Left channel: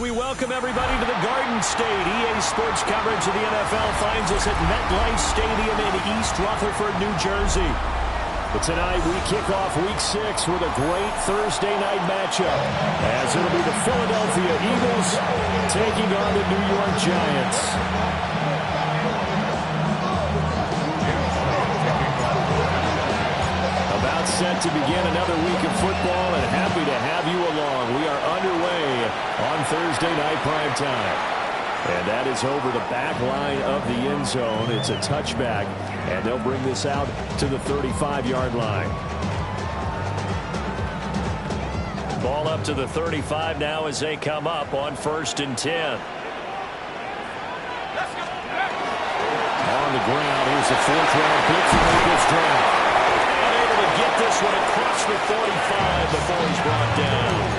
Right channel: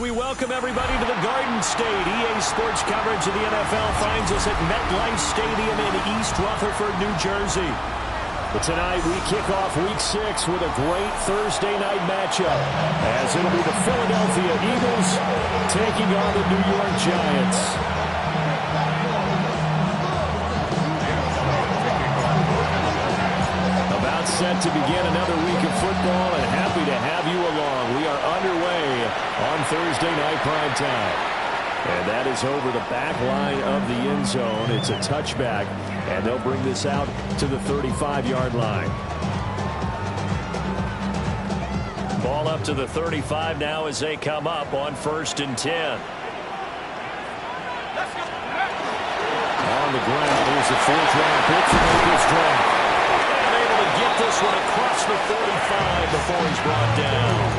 We welcome everybody to the Garden State. EA Sports coverage of the NFL finds us at MetLife Stadium in East Rutherford, New Jersey. But tonight we kick off Week 6 with a great Thursday night matchup, as it'll be the Philadelphia Eagles taking on the New York Giants. About set to begin another week of football, and happy to have you along. We are underway on Thursday night primetime. And that is over the back line of the end zone. It's a touchback, and they'll bring this out to the 35-yard line. Ball up to the 35 now as they come up on 1st and 10. On the ground, here's a 4th-round pick to make this draft. Get this one across the 45 before he's brought down.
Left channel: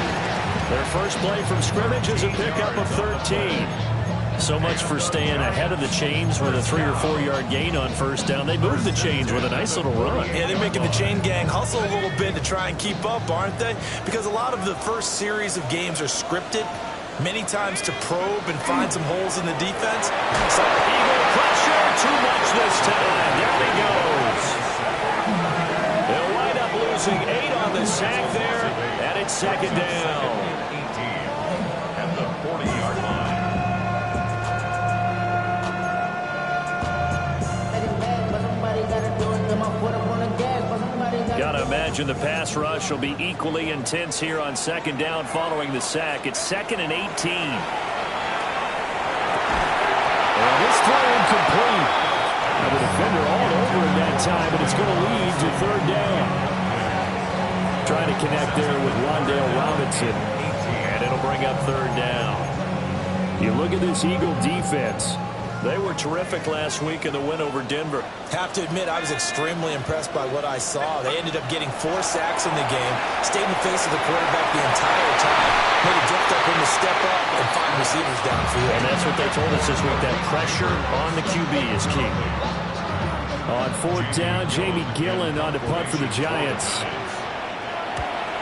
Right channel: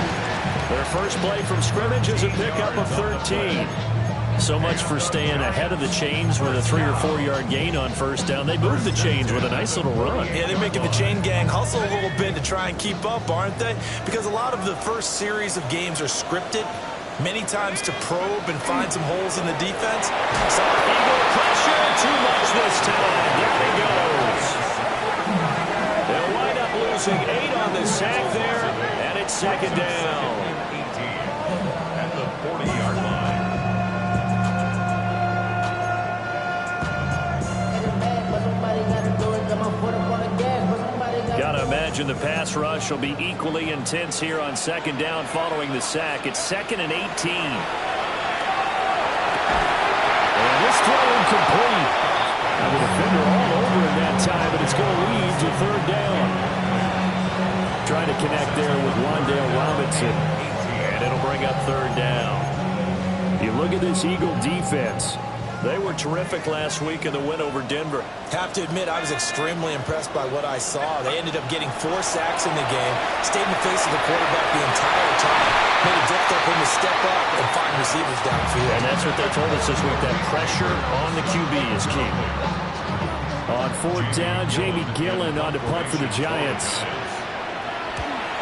Their first play from scrimmage is a pickup of 13. So much for staying ahead of the chains with a 3 or 4 yard gain on first down. They move the chains with a nice little run. Yeah, they're making the chain gang hustle a little bit to try and keep up, aren't they? Because a lot of the first series of games are scripted, many times to probe and find some holes in the defense. Some Eagle pressure, too much this time. Down he goes. They'll wind up losing 8 on the sack there, and it's 2nd down. 18 at the 40-yard line. Gotta imagine the pass rush will be equally intense here on 2nd down following the sack. It's 2nd and 18. And this throw incomplete. Now the defender all over him that time, but it's going to lead to 3rd down. Trying to connect there with Wan'Dale Robinson, and it'll bring up 3rd down. You look at this Eagle defense. They were terrific last week in the win over Denver. Have to admit, I was extremely impressed by what I saw. They ended up getting 4 sacks in the game, stayed in the face of the quarterback the entire time, made it difficult for him to step up and find receivers downfield. And that's what they told us this week, that pressure on the QB is key. On 4th down, Jamie Gillen on to punt for the Giants.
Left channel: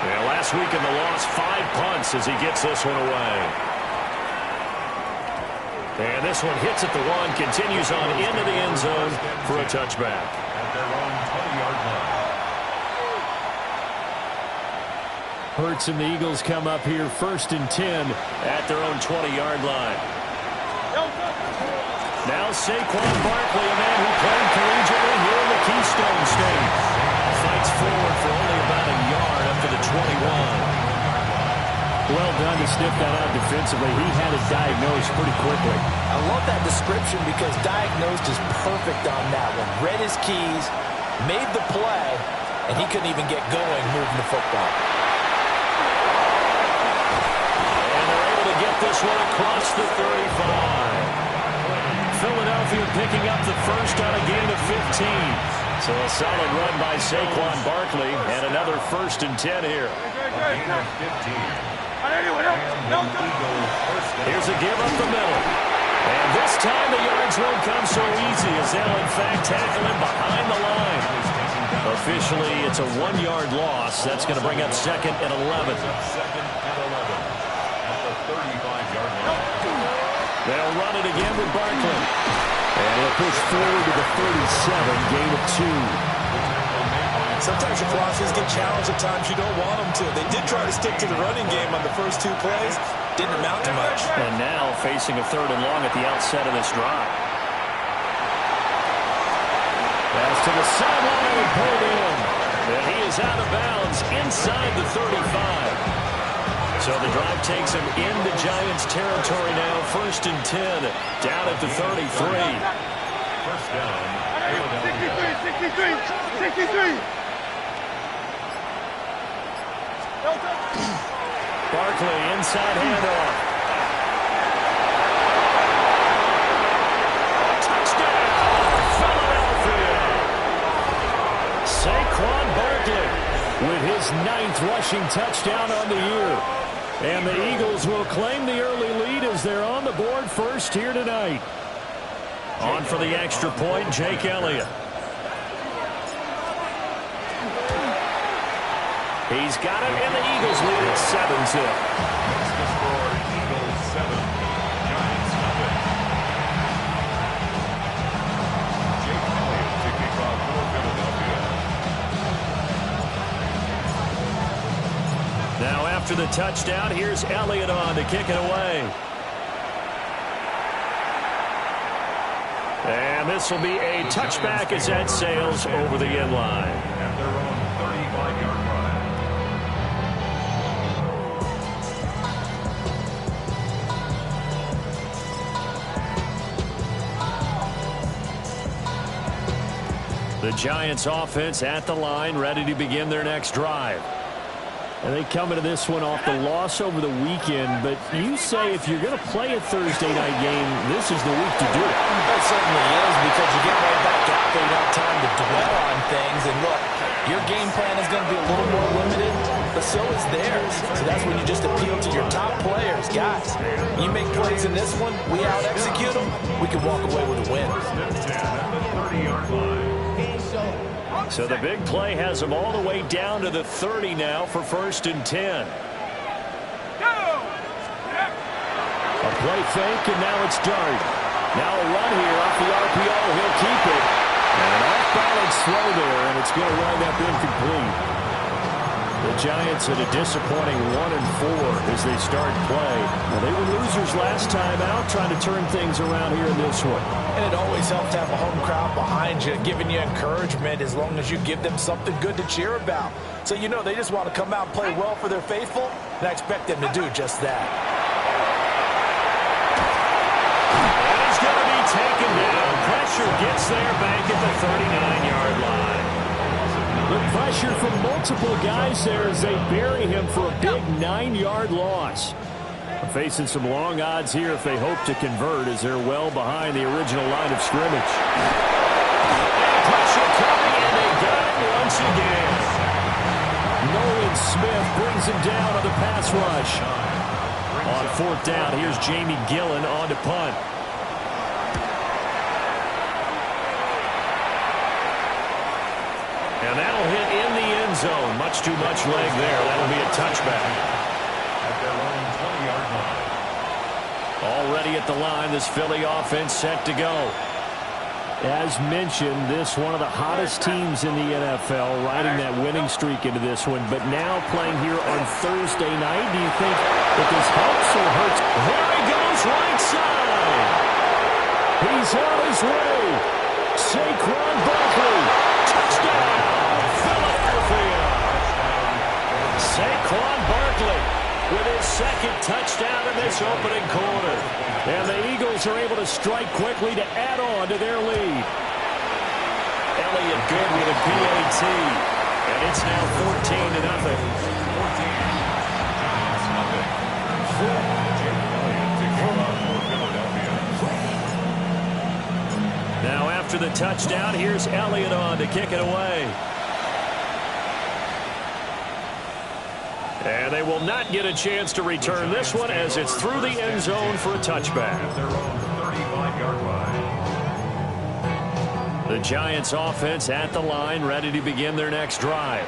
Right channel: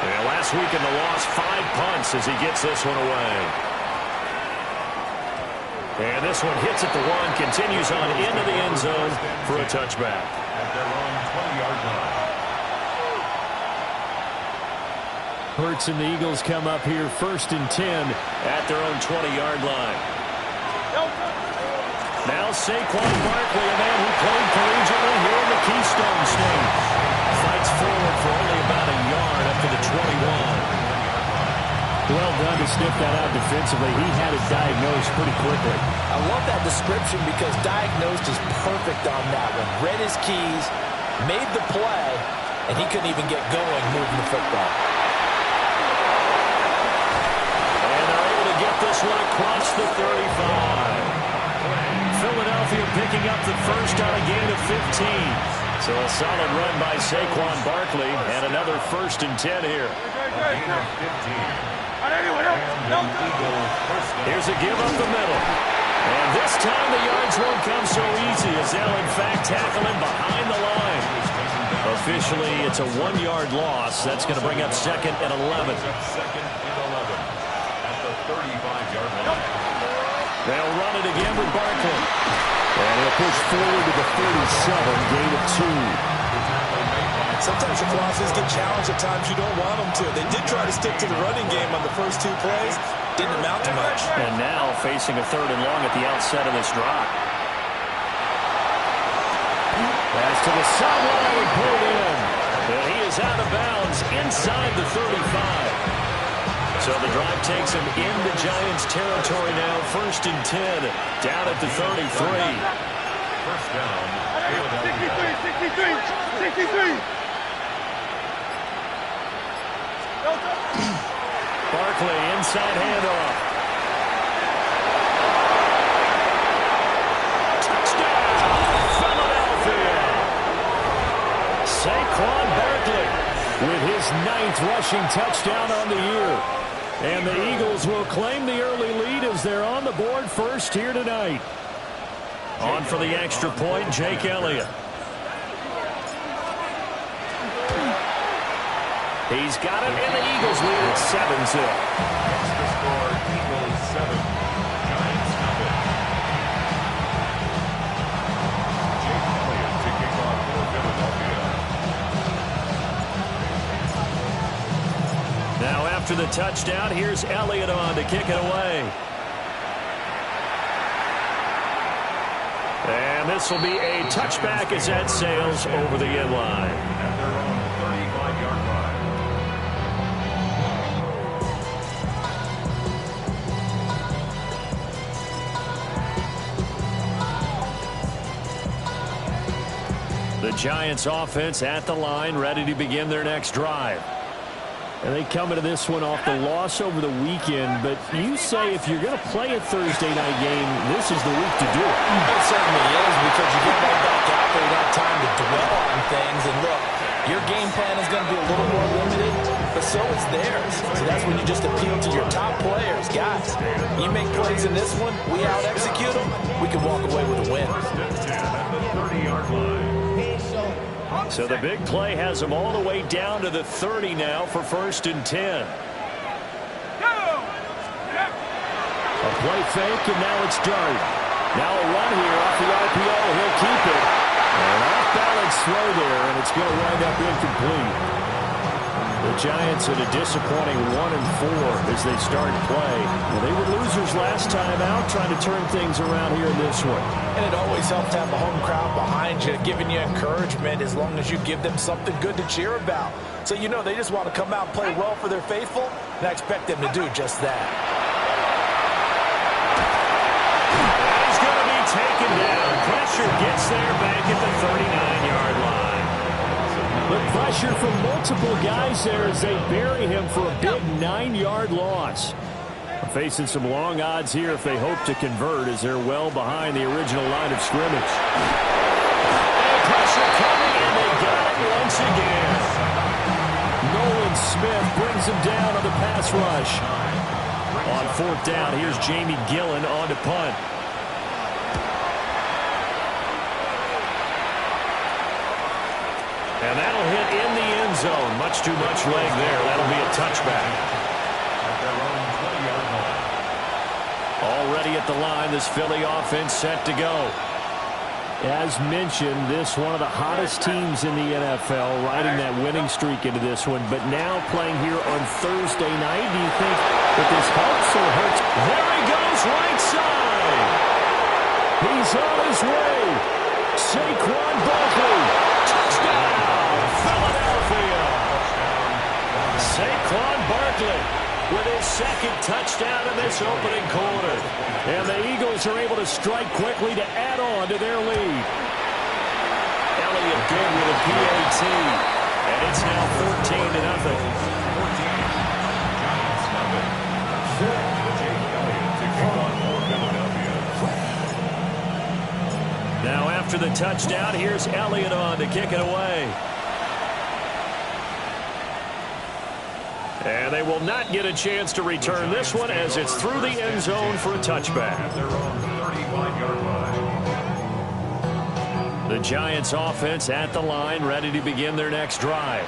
Yeah, last week in the loss, 5 punts as he gets this one away. And this one hits at the 1, continues on into the end zone for a touchback. At their own 20-yard line. Hurts and the Eagles come up here 1st and 10 at their own 20-yard line. Now Saquon Barkley, a man who played collegiately here in the Keystone State, fights forward for only about a yard up to the 21. Well done to sniff that out defensively. He had it diagnosed pretty quickly. I love that description because diagnosed is perfect on that one. Read his keys, made the play, and he couldn't even get going moving the football. And they're able to get this one across the 35. Philadelphia picking up the first on a gain of 15. So a solid run by Saquon Barkley and another 1st and 10 here. Gain of 15. Here's a give up the middle. And this time the yards won't come so easy as they'll in fact tackle him behind the line. Officially, it's a 1-yard loss. That's going to bring up 2nd and 11. 2nd and 11 at the 35-yard line. They'll run it again with Barkley. And he'll push forward to the 37, gain of 2. Sometimes your philosophies get challenged at times you don't want them to. They did try to stick to the running game on the first 2 plays. Didn't amount to much. And now facing a 3rd and long at the outset of this drive. Pass to the sideline and pulled in. And he is out of bounds inside the 35. So the drive takes him into Giants territory now. 1st and 10 down at the 33. First down, Philadelphia. 63. Barkley inside handoff. Touchdown, Philadelphia! Saquon Barkley with his 9th rushing touchdown on the year. And the Eagles will claim the early lead as they're on the board first here tonight. On for the extra point, Jake Elliott. He's got it, and the Eagles lead at 7-0. Makes the score Eagles Giants nothing. Jake Elliott to kick off for Philadelphia. Now after the touchdown, here's Elliott on to kick it away. And this will be a touchback as that sails over the end line. At their own 35-yard line. The Giants offense at the line, ready to begin their next drive. And they come into this one off the loss over the weekend, but you say if you're going to play a Thursday night game, this is the week to do it. It certainly is, because you get right back out there, you don't have time to dwell on things. And look, your game plan is going to be a little more limited, but so is theirs. So that's when you just appeal to your top players. Guys, you make plays in this one, we out-execute them, we can walk away with a win. First and 10 at the 30-yard line. So the big play has them all the way down to the 30 now for 1st and 10. A play fake, and now it's Dart. Now a run here off the RPO. He'll keep it. And off-balance throw there, and it's going to wind up incomplete. The Giants at a disappointing 1-4 as they start play. Well, they were losers last time out, trying to turn things around here in this one. And it always helps to have a home crowd behind you, giving you encouragement as long as you give them something good to cheer about. So you know they just want to come out and play well for their faithful, and I expect them to do just that. And he's going to be taken down. Pressure gets there back at the 39-yard line. The pressure from multiple guys there as they bury him for a big 9-yard loss. Facing some long odds here if they hope to convert, as they're well behind the original line of scrimmage. And pressure coming, and they got it once again. Nolan Smith brings him down on the pass rush. On 4th down, here's Jamie Gillen on to punt. And that'll hit in the end zone. Much too much leg there. That'll be a touchback. At their own 20-yard line. Already at the line, this Philly offense set to go. As mentioned, this one of the hottest teams in the NFL, riding that winning streak into this one. But now playing here on Thursday night, do you think that this helps or hurts? There he goes, right side. He's on his way. Saquon Barkley. Touchdown, Philadelphia. Saquon Barkley with his second touchdown in this opening quarter. And the Eagles are able to strike quickly to add on to their lead. Elliott good with a PAT. And it's now 14-0. 14. Giants nothing. Jake Elliott to kick off for Philadelphia. Now after the touchdown, here's Elliott on to kick it away. And they will not get a chance to return this one as it's through the end zone for a touchback. At their own 35-yard line. The Giants offense at the line, ready to begin their next drive.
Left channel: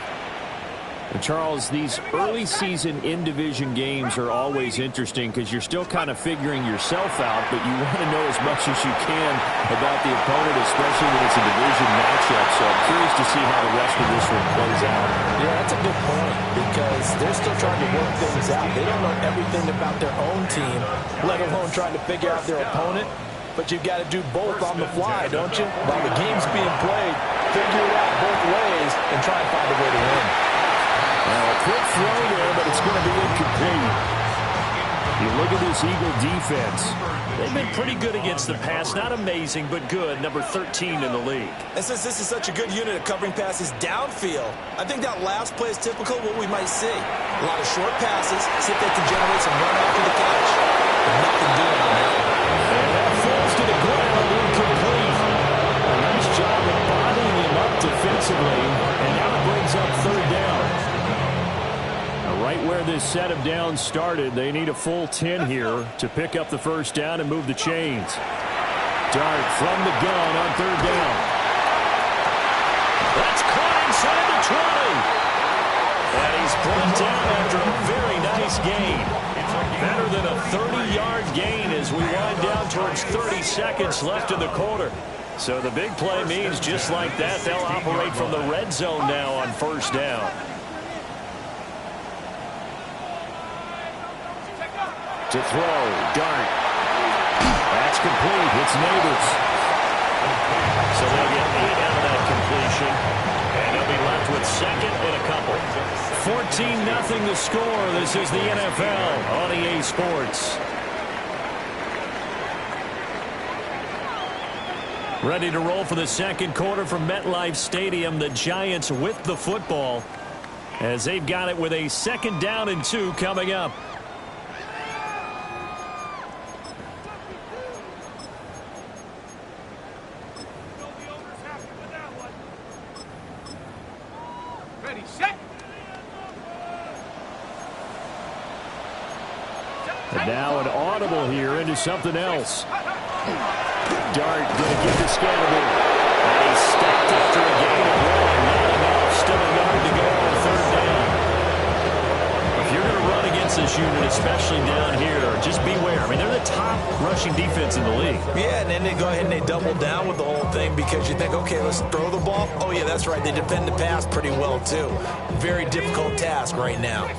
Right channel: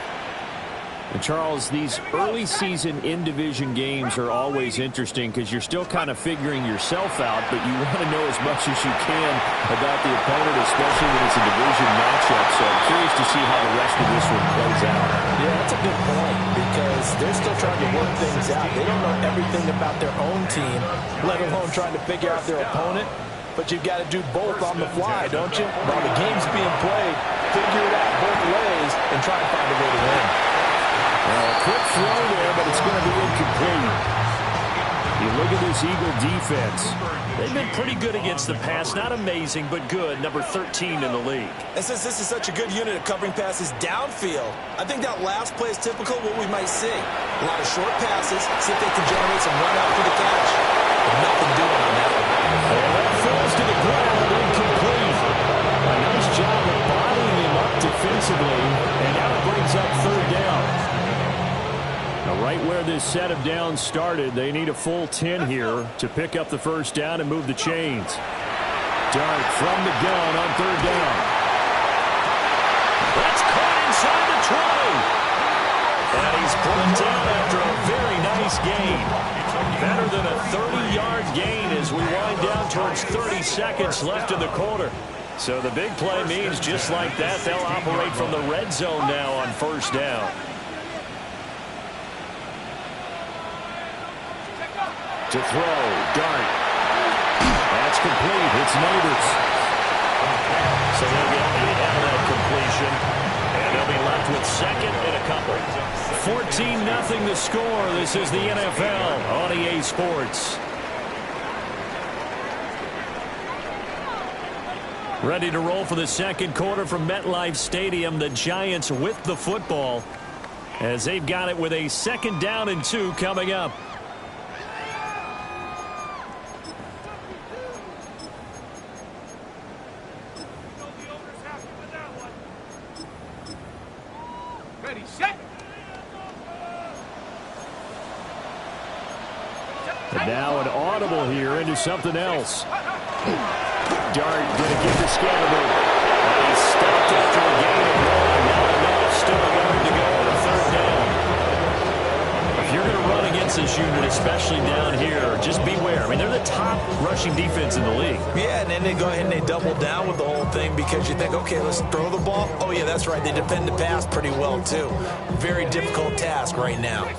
And Charles, these early season in-division games are always interesting because you're still kind of figuring yourself out, but you want to know as much as you can about the opponent, especially when it's a division matchup. So I'm curious to see how the rest of this one plays out. Yeah, that's a good point, because they're still trying to work things out. They don't know everything about their own team, let alone trying to figure out their opponent. But you've got to do both on the fly, don't you? While the game's being played, figure it out both ways and try and find a way to win. Well, a quick throw there, but it's going to be incomplete. You look at this Eagle defense. They've been pretty good against the pass. Not amazing, but good. Number 13 in the league. And since this is such a good unit of covering passes downfield, I think that last play is typical of what we might see. A lot of short passes, see if they can generate some run after the catch. But nothing doing on that one. And that falls to the ground, incomplete. A nice job of bodying him up defensively, and now it brings up 3rd down. Now, right where this set of downs started, they need a full 10 here to pick up the 1st down and move the chains. Dart from the gun on 3rd down. That's caught inside the 20. And he's brought down after a very nice gain. Better than a 30-yard gain as we wind down towards 30 seconds left in the quarter. So the big play means just like that, they'll operate from the red zone now on first down. To throw, Dart. That's complete. It's Neighbors. So they'll get 8 out of that completion. And they'll be left with second and a couple. 14-0 the score. This is the NFL on EA Sports. Ready to roll for the second quarter from MetLife Stadium. The Giants with the football as they've got it with a 2nd down and 2 coming up. And now an audible here into something else. Dart going to give to Scatterby. And he's stopped after a gain of 1. Not enough. Still a yard to go on 3rd down. If you're going to run against this unit, especially down here, just beware. I mean, they're the top rushing defense in the league. Yeah, and then they go ahead and they double down with the whole thing because you think, okay, let's throw the ball. Oh, yeah, that's right. They defend the pass pretty well, too. Very difficult task right now.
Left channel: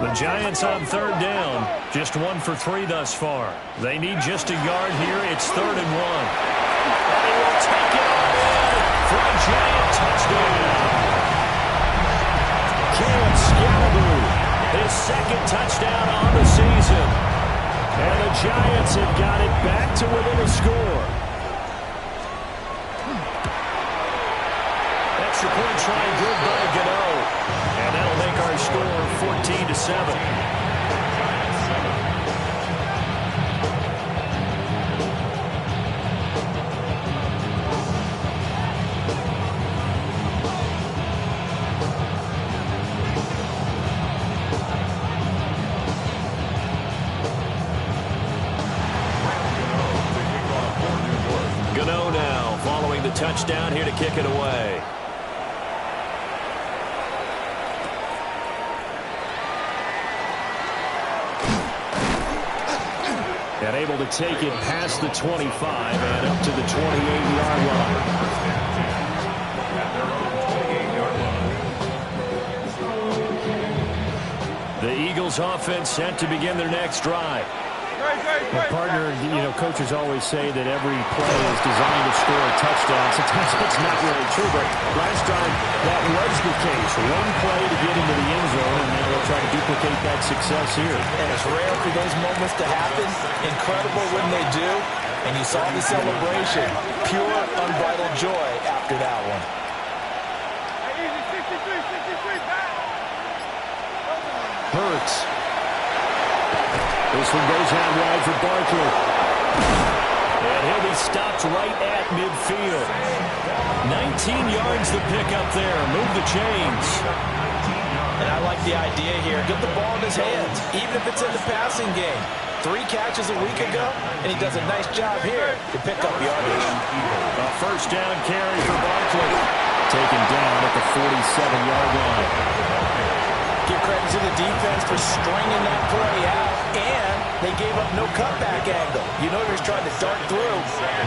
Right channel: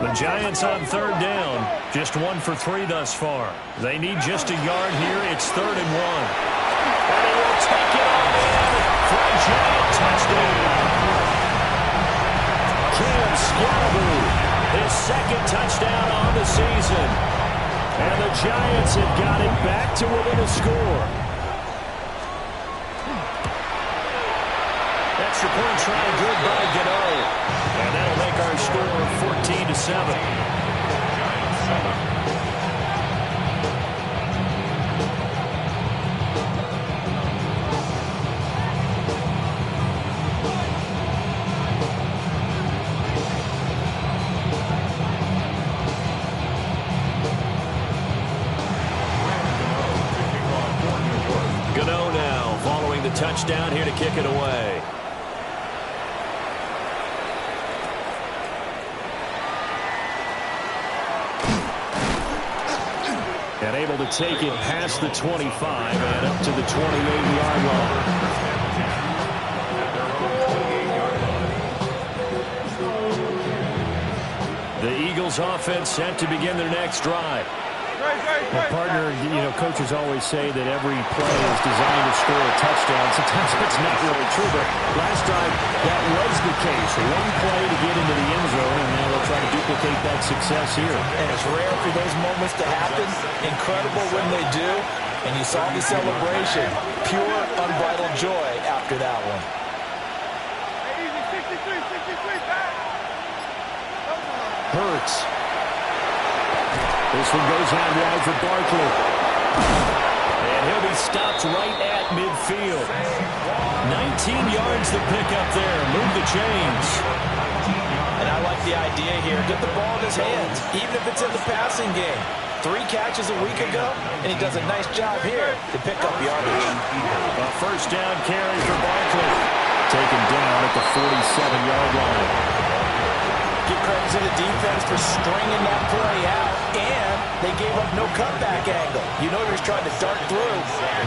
The Giants on 3rd down. Just 1 for 3 thus far. They need just a yard here. It's 3rd and 1. And he will take it on in for a Giant touchdown. Cam Scatterby. His 2nd touchdown on the season. And the Giants have got it back to within a score. Extra point try good by Gano. And that'll make our score 14-7. Giants 7. Gano now following the touchdown here to kick it away. And able to take it past the 25 and up to the 28-yard line. At their own 28-yard line. The Eagles offense set to begin their next drive. Well, partner, coaches always say that every play is designed to score a touchdown. Sometimes that's not really true, but last drive that was the case. One play to get into the end zone, and now they'll try to duplicate that success here. And it's rare for those moments to happen. Incredible when they do. And you saw the celebration. Pure, unbridled joy after that one. Hurts. This one goes out wide for Barkley. And he'll be stopped right at midfield. 19 yards to pick up there. Move the chains. And I like the idea here. Get the ball in his hands, even if it's in the passing game. 3 catches a week ago, and he does a nice job here to pick up yardage. A first down carry for Barkley. Taken down at the 47-yard line. Give credit to the defense for stringing that play out, and they gave up no cutback angle. You know he was trying to dart through.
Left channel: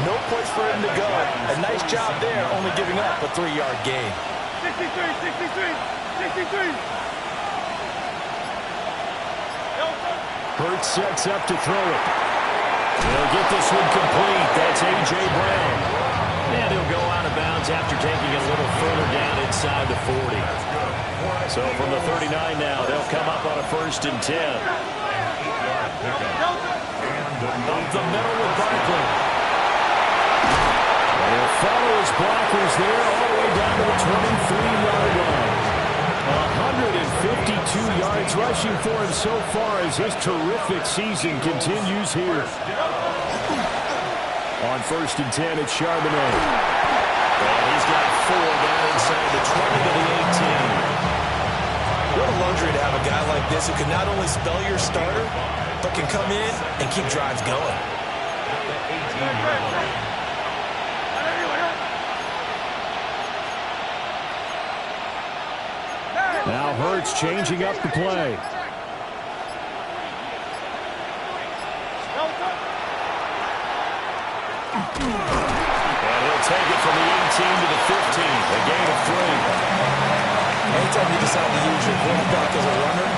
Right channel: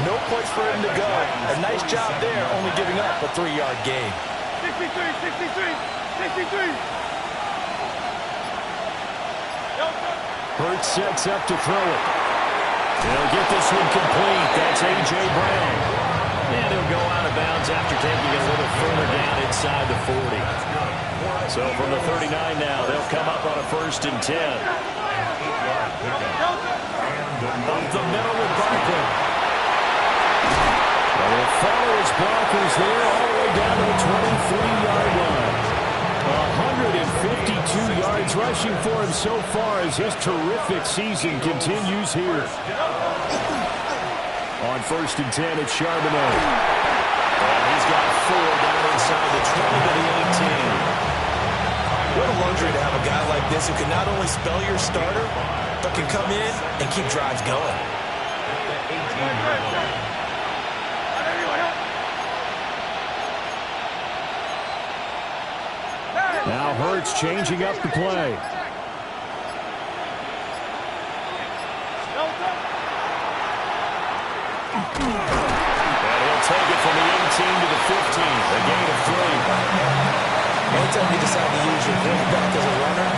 No place for him to go. A nice job there, only giving up a 3-yard gain. 63. Hurts sets up to throw it. He'll get this one complete. That's A.J. Brown. And he'll go out of bounds after taking it a little further down inside the 40. So from the 39 now, they'll come up on a 1st and 10. Up the middle with Barkley. And he'll follow his blockers there all the way down to the 23-yard line. 152 yards rushing for him so far as his terrific season continues here. On 1st and 10, it's Charbonnet. And he's got 4 down inside the 20 to the 18. What a luxury to have a guy like this who can not only spell your starter, but can come in and keep drives going. Now Hurts changing up the play. And he'll take it from the 18 to the 15, a gain of 3. Anytime you decide to use your quarterback as a runner,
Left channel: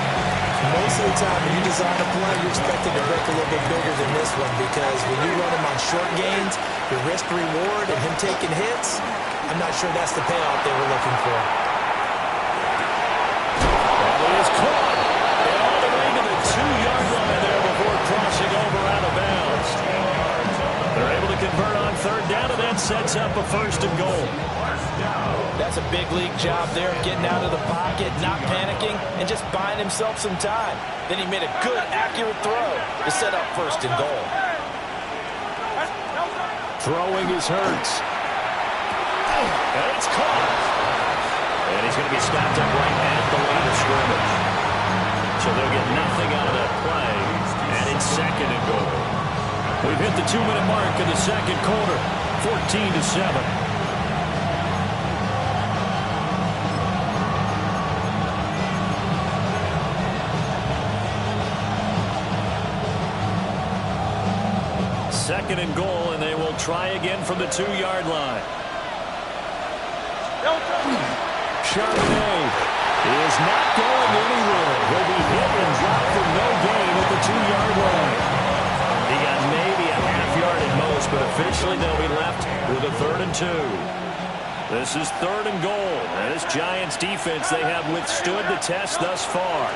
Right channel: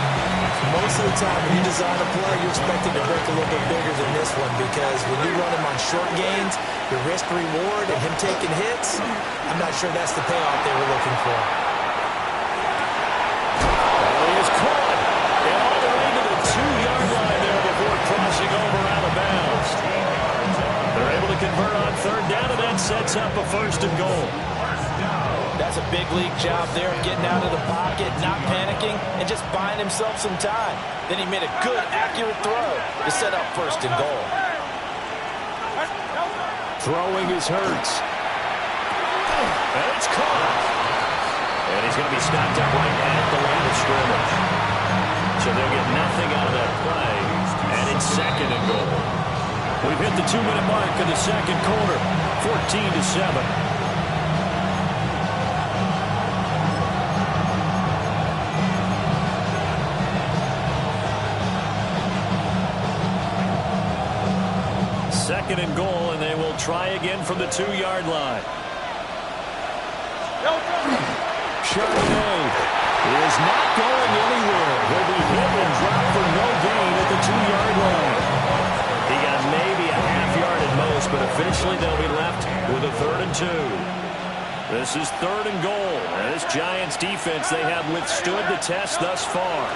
most of the time when you design a play, you're expected to break a little bit bigger than this one, because when you run him on short gains, your risk-reward and him taking hits, I'm not sure that's the payoff they were looking for. And he is caught. And all the way to the 2-yard line there before crossing over out of bounds. They're able to convert on third down, and that sets up a 1st and goal. That's a big league job there, getting out of the pocket, not panicking, and just buying himself some time. Then he made a good, accurate throw to set up 1st and goal. Throwing is Hurts. And it's caught. And he's going to be stopped up right at the line of scrimmage. So they'll get nothing out of that play, and it's 2nd and goal. We've hit the 2-minute mark in the 2nd quarter, 14-7. Second and goal, and they will try again from the 2-yard line. Charbonnet is not going anywhere. He'll be hit and dropped for no gain at the 2-yard line. He got maybe a half yard at most, but officially they'll be left with a 3rd and 2. This is 3rd and goal. And this Giants defense, they have withstood the test thus far.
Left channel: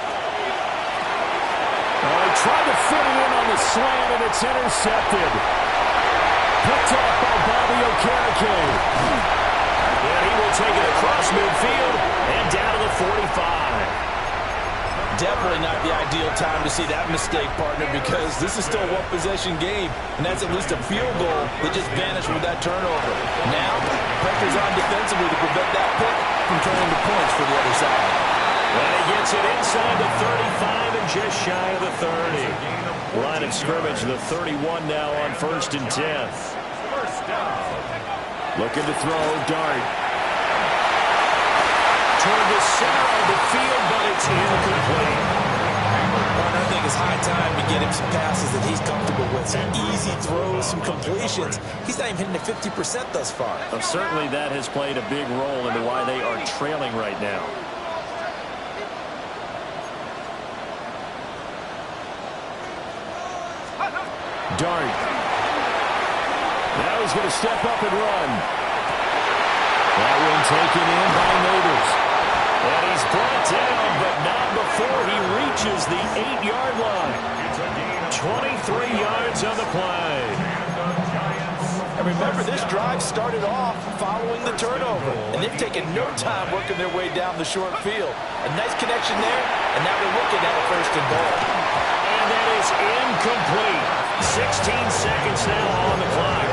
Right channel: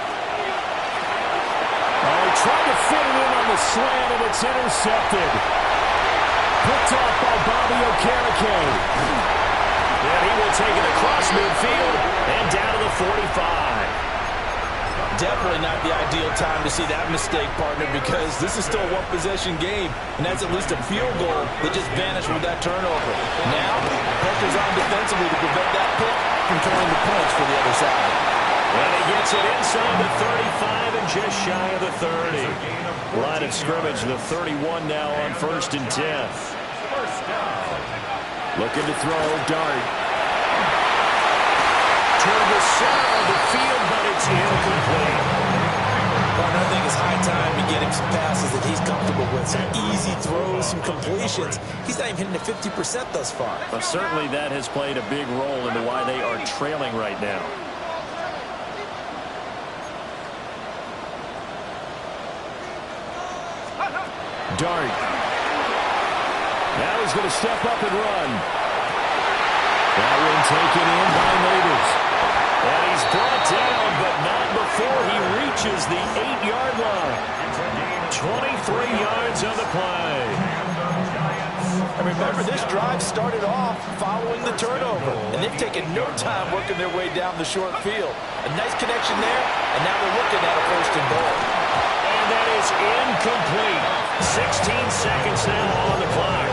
Oh, he tried to fit it in on the slant, and it's intercepted. Picked off by Bobby Okereke. And he will take it across midfield and down to the 45. Definitely not the ideal time to see that mistake, partner, because this is still a one-possession game, and that's at least a field goal that just vanished with that turnover. Now, pressure's on defensively to prevent that pick from turning the points for the other side. And he gets it inside the 35 and just shy of the 30. Line of scrimmage, the 31 now on 1st and 10. Looking to throw, Dart. Toward the center of the field, but it's incomplete. Partner, I think it's high time to get him some passes that he's comfortable with. Some easy throws, some completions. He's not even hitting the 50% thus far. Well, certainly that has played a big role into why they are trailing right now. Dart. Now he's going to step up and run. That one taken in by Nabers. And he's brought down, but not before he reaches the 8-yard line. 23 yards on the play. And remember, this drive started off following the turnover, and they've taken no time working their way down the short field. A nice connection there, and now they're looking at a 1st and goal. And that is incomplete. 16 seconds now on the clock.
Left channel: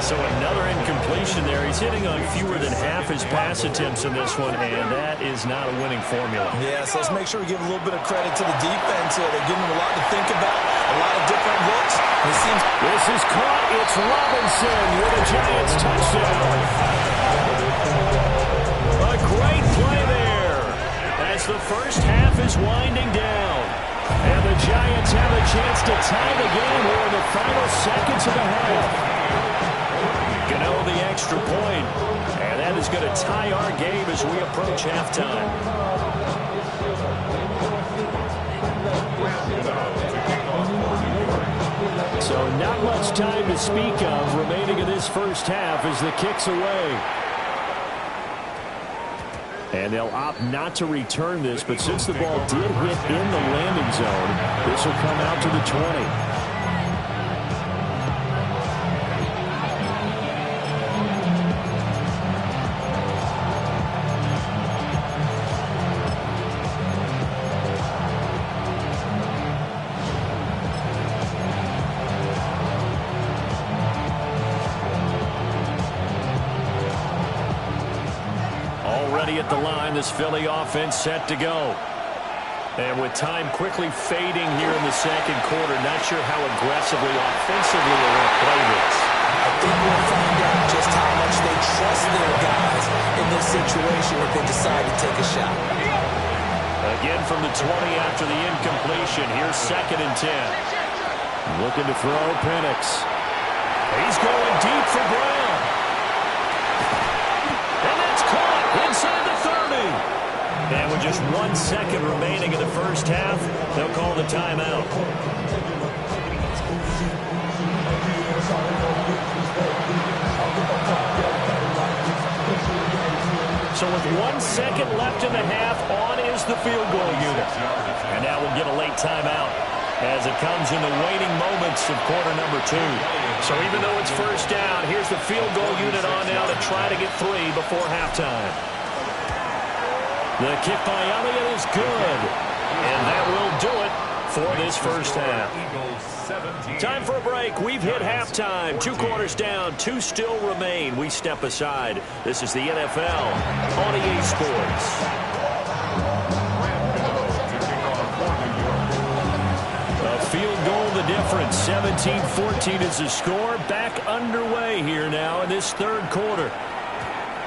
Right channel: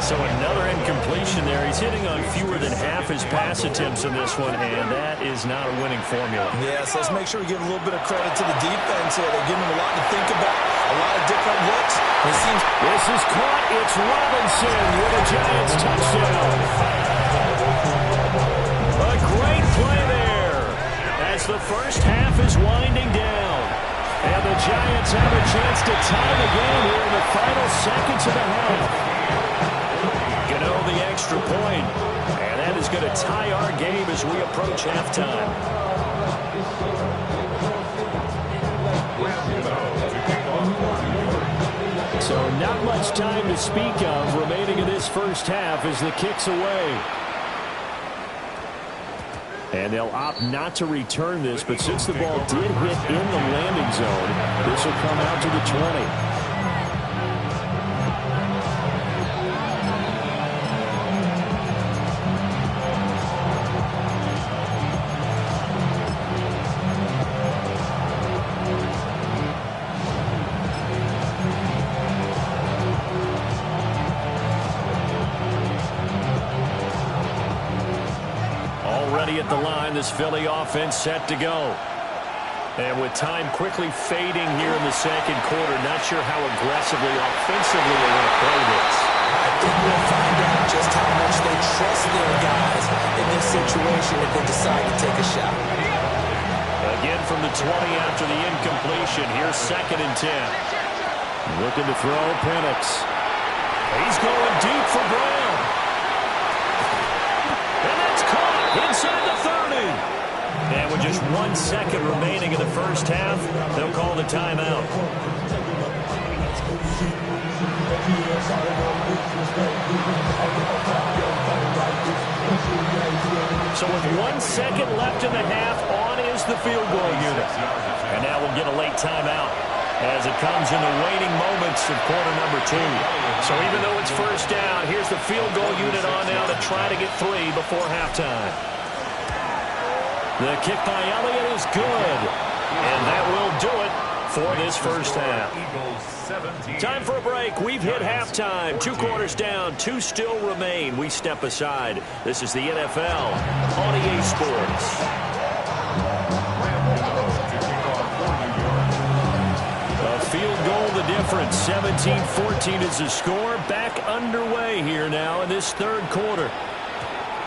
So another incompletion there. He's hitting on fewer than half his pass attempts in this one, and that is not a winning formula. Yeah, so let's make sure we give a little bit of credit to the defense here. They're giving them a lot to think about, a lot of different looks. It seems this is caught. It's Robinson with a Giants touchdown. A great play there as the first half is winding down. And the Giants have a chance to tie the game here in the final seconds of the half. Gano the extra point, and that is going to tie our game as we approach halftime. So not much time to speak of remaining in this first half as the kick's away. And they'll opt not to return this, but since the ball did hit in the landing zone, this will come out to the 20. Already at the line, this Philly offense set to go. And with time quickly fading here in the 2nd quarter, not sure how aggressively, offensively they're going to play this. I think we'll find out just how much they trust their guys in this situation if they decide to take a shot. Again from the 20 after the incompletion. Here's 2nd and 10. Looking to throw, Penix. He's going deep for Brown. And that's caught inside the 30. And with just 1 second remaining in the first half, they'll call the timeout. So with 1 second left in the half, on is the field goal unit. And now we'll get a late timeout as it comes in the waning moments of quarter number 2. So even though it's first down, here's the field goal unit on now to try to get 3 before halftime. The kick by Elliott is good. And that will do it for this first half. Time for a break. We've hit halftime. 2 quarters down, 2 still remain. We step aside. This is the NFL on EA Sports. A field goal the difference. 17-14 is the score. Back underway here now in this third quarter.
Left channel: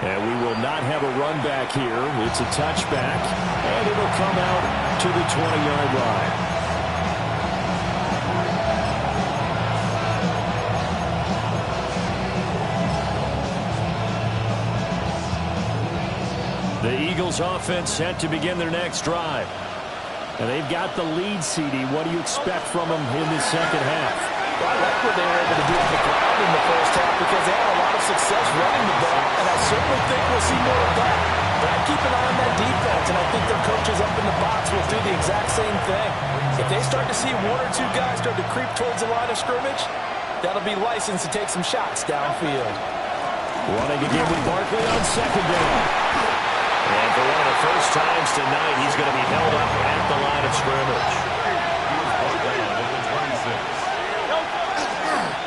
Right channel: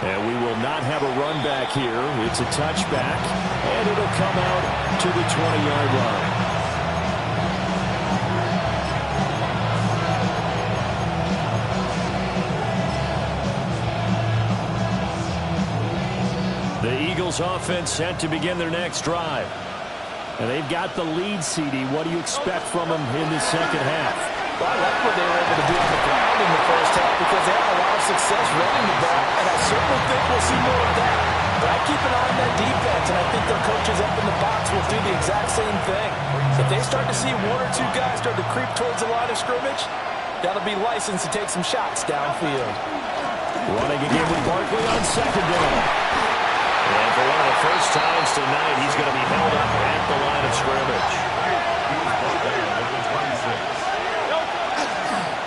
And we will not have a run back here. It's a touchback, and it'll come out to the 20-yard line. The Eagles offense set to begin their next drive. And they've got the lead, CD. What do you expect from them in this second half? Well, I like what they were able to do on the ground in the first half because they had a lot of success running the ball, and I certainly think we'll see more of that. But I keep an eye on that defense, and I think their coaches up in the box will do the exact same thing. If they start to see 1 or 2 guys start to creep towards the line of scrimmage, that'll be licensed to take some shots downfield. Running again with Barkley on 2nd down. And for one of the first times tonight, he's going to be held up at the line of scrimmage.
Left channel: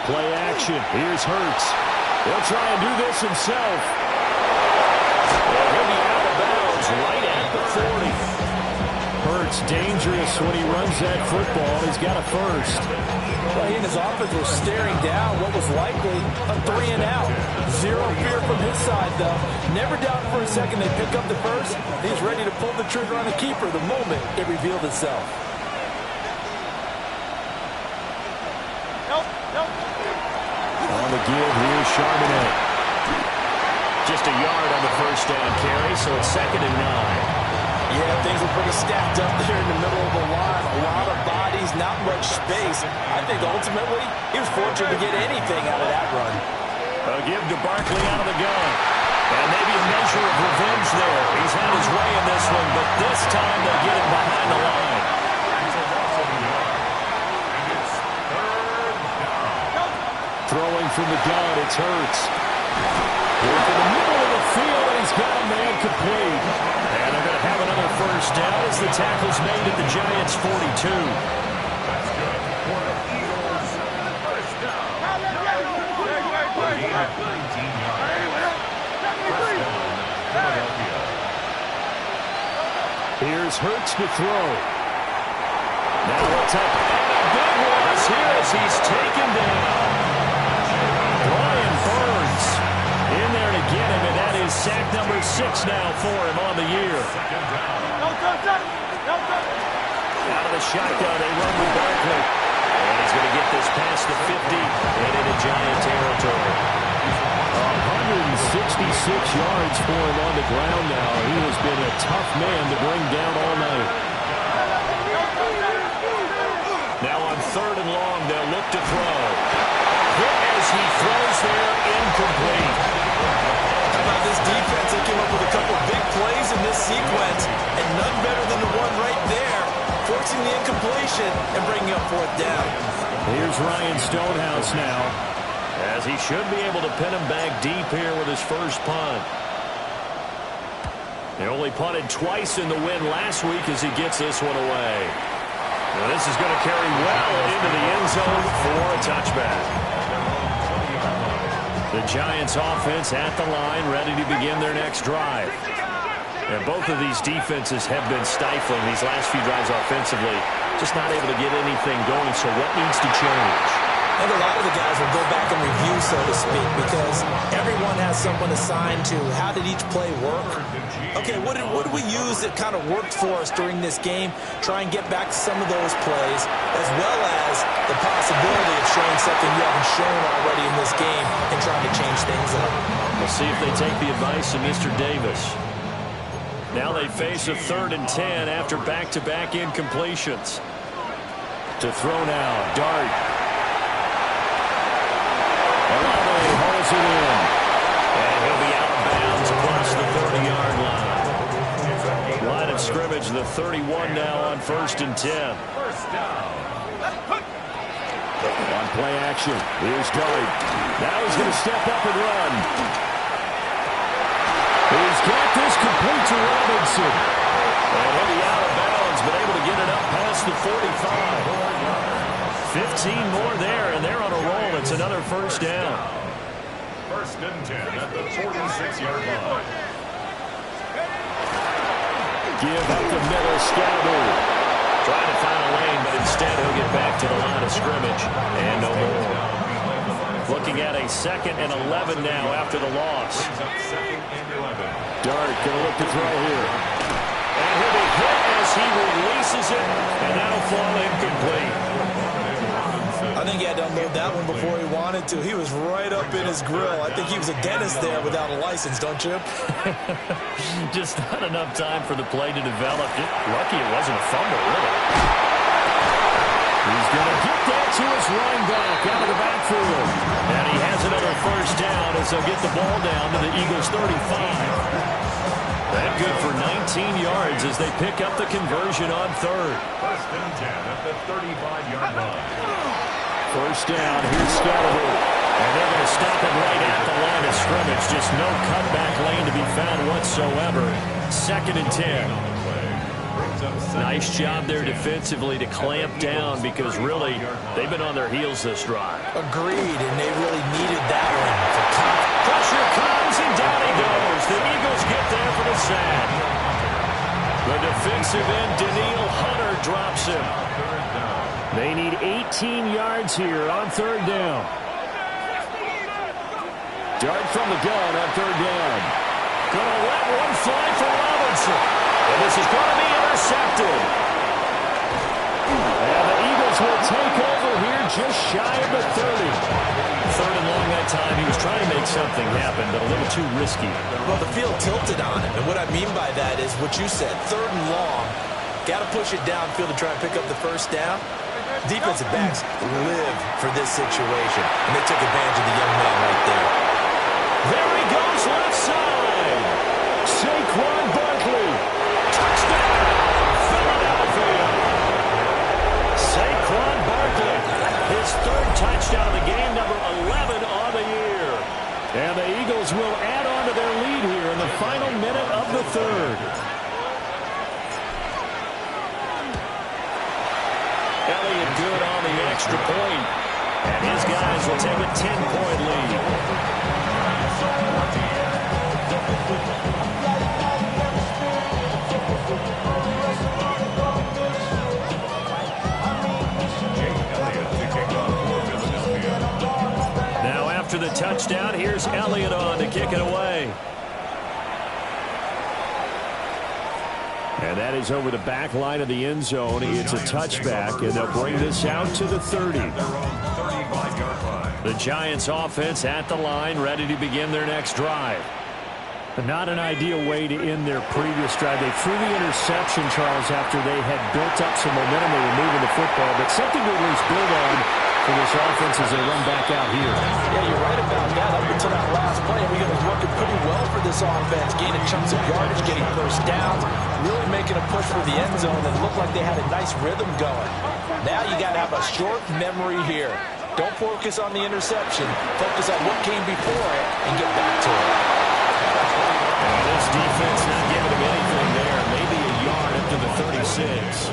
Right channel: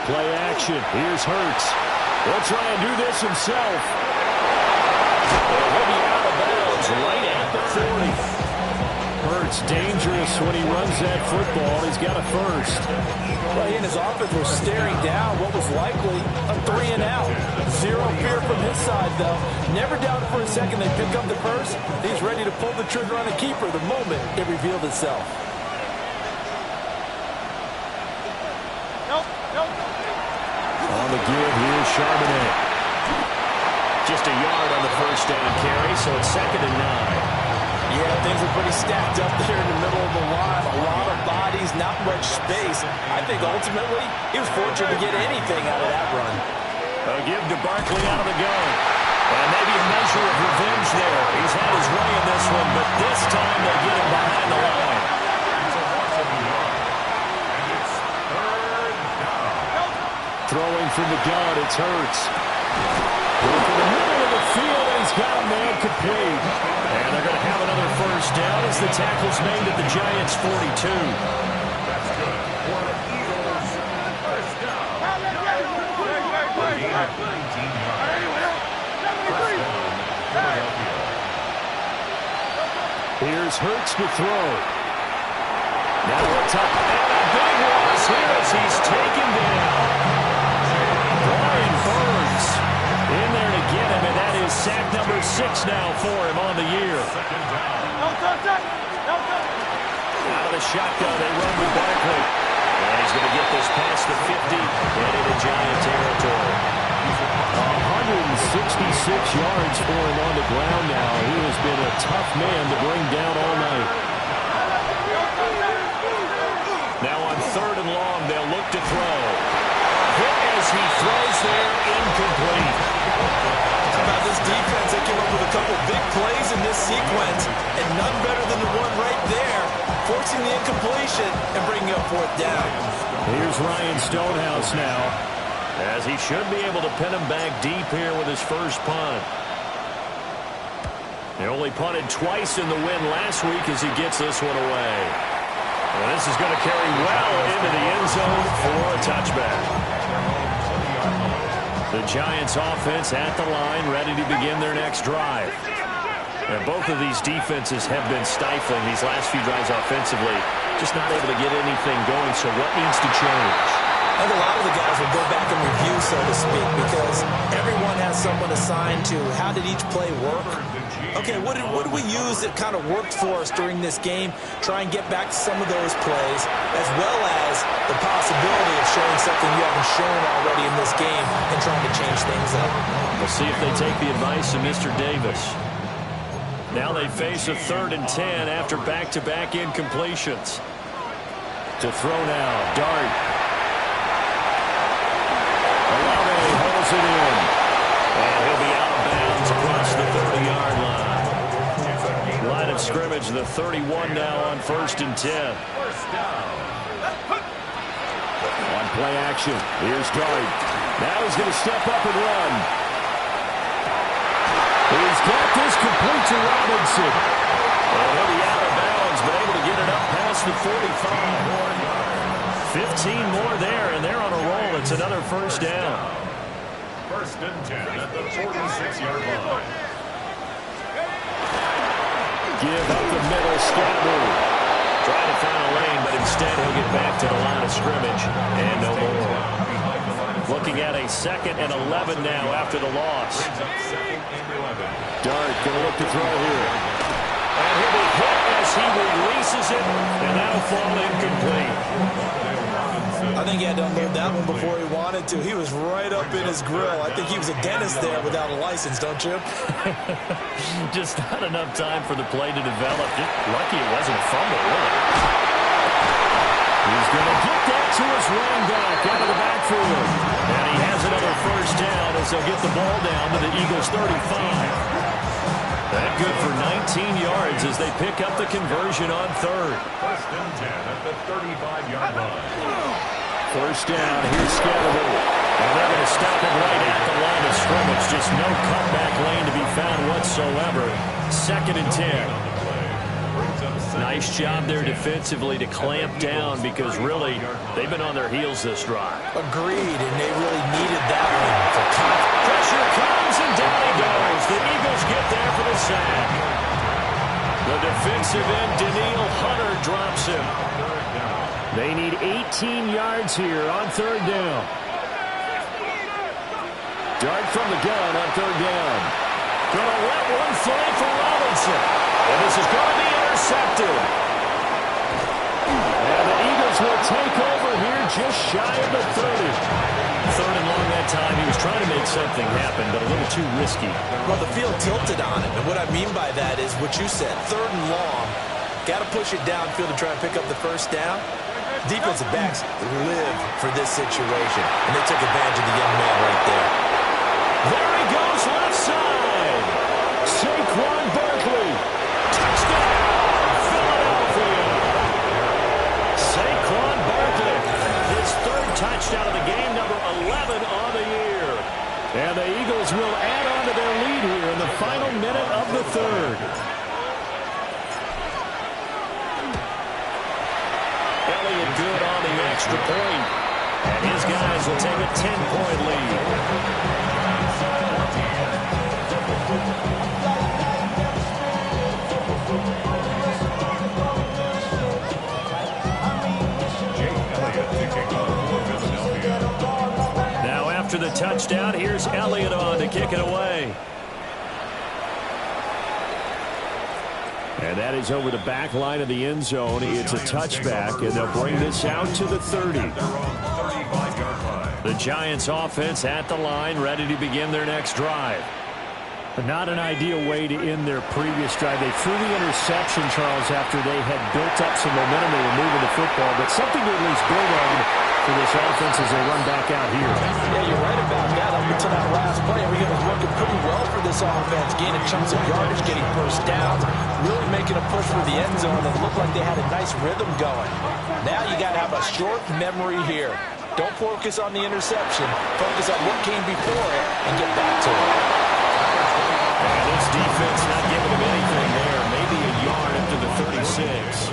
Play action. Here's Hurts. He'll try and do this himself. And he'll be out of bounds right at the 40. Hurts dangerous when he runs that football. He's got a first. Well, he and his offense were staring down what was likely a 3-and-out. Zero fear from his side, though. Never doubted for a second they pick up the first. He's ready to pull the trigger on a keeper the moment it revealed itself. On the give, here's Charbonnet. Just a yard on the first down carry, so it's 2nd and 9. Yeah, things were pretty stacked up there in the middle of the line. A lot of bodies, not much space. I think ultimately he was fortunate to get anything out of that run. A give to Barkley out of the gun. And maybe a measure of revenge there. He's had his way in this one, but this time they get him behind the line. Throwing from the gun, it's Hurts. Work in the middle of the field, and he's got a man complete. And they're going to have another first down as the tackle's made at the Giants' 42. That's good. For the Eagles, first down. 19 yards. First down, Philadelphia. Here's Hurts to throw. Now what's up? And a big one here as he's taken down. Brian Burns in there to get him, and that is sack number 6 now for him on the year. Second down. Out of the shotgun, they run with Barkley. And he's going to get this past the 50 and into Giant territory. 166 yards for him on the ground now. He has been a tough man to bring down all night. Now on 3rd and long, they'll look to throw. Hit as he throws there, incomplete. How about this defense? They came up with a couple big plays in this sequence, and none better than the one right there, forcing the incompletion and bringing up 4th down. Here's Ryan Stonehouse now. As he should be able to pin him back deep here with his first punt. They only punted twice in the win last week as he gets this one away. And this is going to carry well into the end zone for a touchback. The Giants offense at the line, ready to begin their next drive. And both of these defenses have been stifling these last few drives offensively. Just not able to get anything going, so what needs to change? I think a lot of the guys will go back and review, so to speak, because everyone has someone assigned to how did each play work. Okay, what did we use that kind of worked for us during this game? Try and get back to some of those plays, as well as the possibility of showing something you haven't shown already in this game and trying to change things up. We'll see if they take the advice of Mr. Davis. Now they face a 3rd and 10 after back-to-back incompletions. To throw now, Dart. Olave holds it in. And he'll be out of bounds across the 30-yard line. Line of scrimmage, the 31 now on 1st and 10. On play action, here's Dart. Now he's going to step up and run. He's got this complete to Robinson. And he'll be out of bounds, but able to get it up past the 45. 15 more there, and they're on a roll. It's another 1st down. 1st and 10 at the 46-yard line. Give up the middle, Scatterbo. Trying to find a lane, but instead he'll get back to the line of scrimmage. And no more. Looking at a 2nd and 11 now after the loss. Dart going to look to throw here. And he'll be hit as he releases it, and that'll fall incomplete. I think he had to unload that one before he wanted to. He was right up in his grill. I think he was a dentist there without a license, don't you? Just not enough time for the play to develop. Just lucky it wasn't a fumble, really. He's going to get that to his running back out of the backfield. And he has another 1st down as they'll get the ball down to the Eagles' 35. That good for 19 yards as they pick up the conversion on 3rd. 1st and 10 at the 35-yard line. 1st down, here's Scatterbo. And they're going to stop it right at the line of scrimmage. Just no cutback lane to be found whatsoever. 2nd and 10. Nice job there defensively to clamp down because really they've been on their heels this drive. Agreed, and they really needed that one for confidence. Pressure comes, and down he goes. The Eagles get there for the sack. The defensive end, Danielle Hunter, drops him. They need 18 yards here on 3rd down. Dart from the gun on 3rd down. Gonna let one fly for Robinson. And this is going to be intercepted. And the Eagles will take over here just shy of the 30. 3rd and long that time. He was trying to make something happen, but a little too risky. Well, the field tilted on him. And what I mean by that is what you said. 3rd and long. Got to push it downfield to try and pick up the 1st down. Defensive backs live for this situation. And they took advantage of the young man right there. There he goes left side. Saquon Barkley. Touchdown, Philadelphia. Saquon Barkley. His 3rd touchdown of the game, number 11 on the year. And the Eagles will add on to their lead here in the final minute of the 3rd. Elliott good on the extra point. And his guys will take a 10-point lead. Now after the touchdown, here's Elliott on to kick it away. And that is over the back line of the end zone. It's a touchback, and they'll bring this out to the 30. The Giants offense at the line, ready to begin their next drive. But not an ideal way to end their previous drive. They threw the interception, Charles, after they had built up some momentum. They were moving the football, but something to at least build on for this offense as they run back out here. Yeah, you're right about that. Up until that last play, everything was working pretty well for this offense, gaining chunks of yardage, getting 1st downs, really making a push for the end zone, and it looked like they had a nice rhythm going. Now you got to have a short memory here. Don't focus on the interception. Focus on what came before it and get back to it. And this defense not giving him anything there. Maybe a yard up to the 36.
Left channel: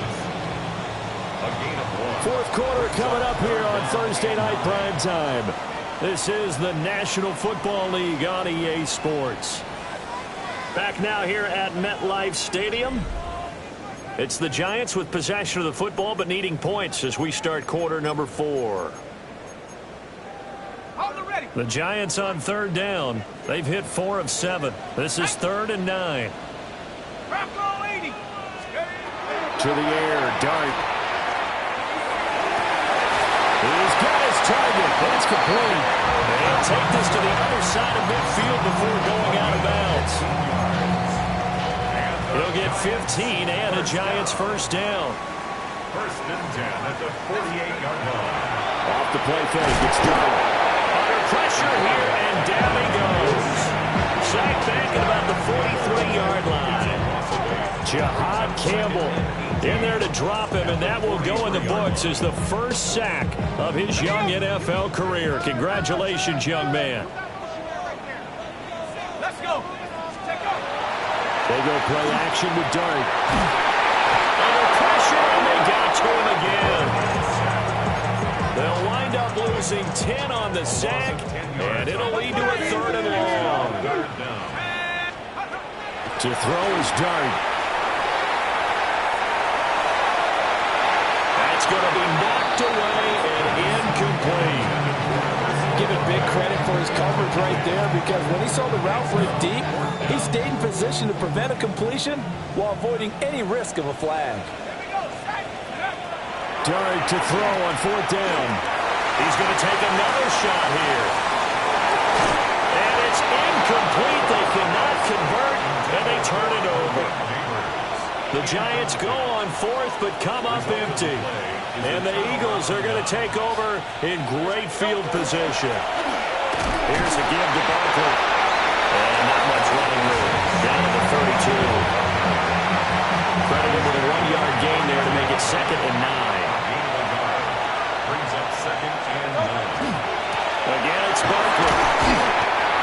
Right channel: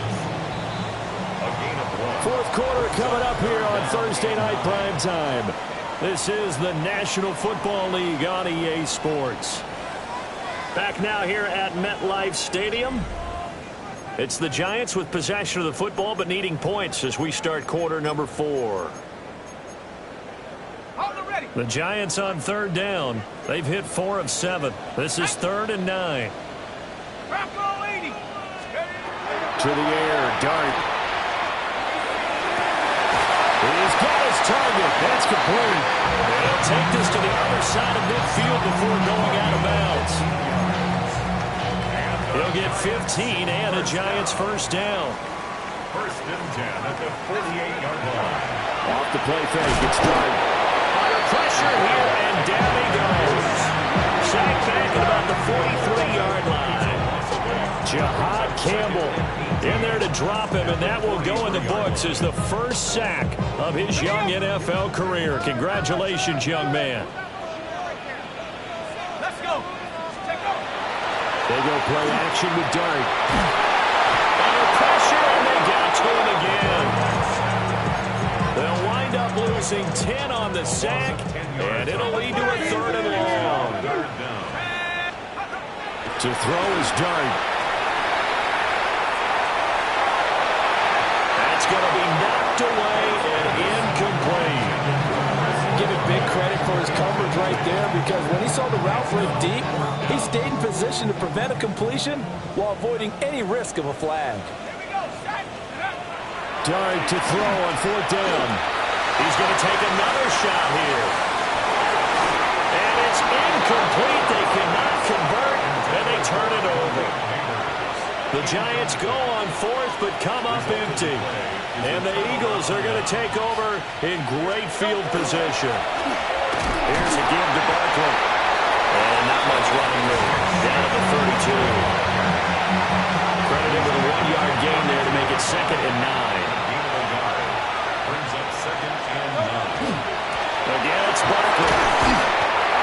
4th quarter coming up here on Thursday night prime time. This is the National Football League on EA Sports. Back now here at MetLife Stadium. It's the Giants with possession of the football but needing points as we start quarter number 4. The Giants on third down. They've hit 4 of 7. This is 3rd and 9. To the air, Dart. He's got his target. That's complete. He'll take this to the other side of midfield before going out of bounds. He'll get 15 and a Giants first down. 1st and 10 at the 48-yard line. Off the play fake. It's Dart. Under pressure here, and down he goes. Sacked back at about the 43-yard line. Jahad Campbell in there to drop him, and that will go in the books as the first sack of his young NFL career. Congratulations, young man. Let's go. They go play action with Dart. Under pressure, and they got to him again. They'll wind up losing 10 on the sack, and it'll lead to a 3rd and long. To throw is Dart. That's going to be knocked away and incomplete. Give it big credit for his coverage right there, because when he saw the route break deep, he stayed in position to prevent a completion while avoiding any risk of a flag. Dart to throw on 4th down. He's going to take another shot here. And it's incomplete. They cannot convert, and they turn it over. The Giants go on 4th, but come up empty. And the Eagles are going to take over in great field position. Here's a give to Barkley. And not much running room. Down to the 32. Credit him with a 1-yard gain there to make it 2nd and 9. Brings up 2nd and 9. Again, it's Barkley.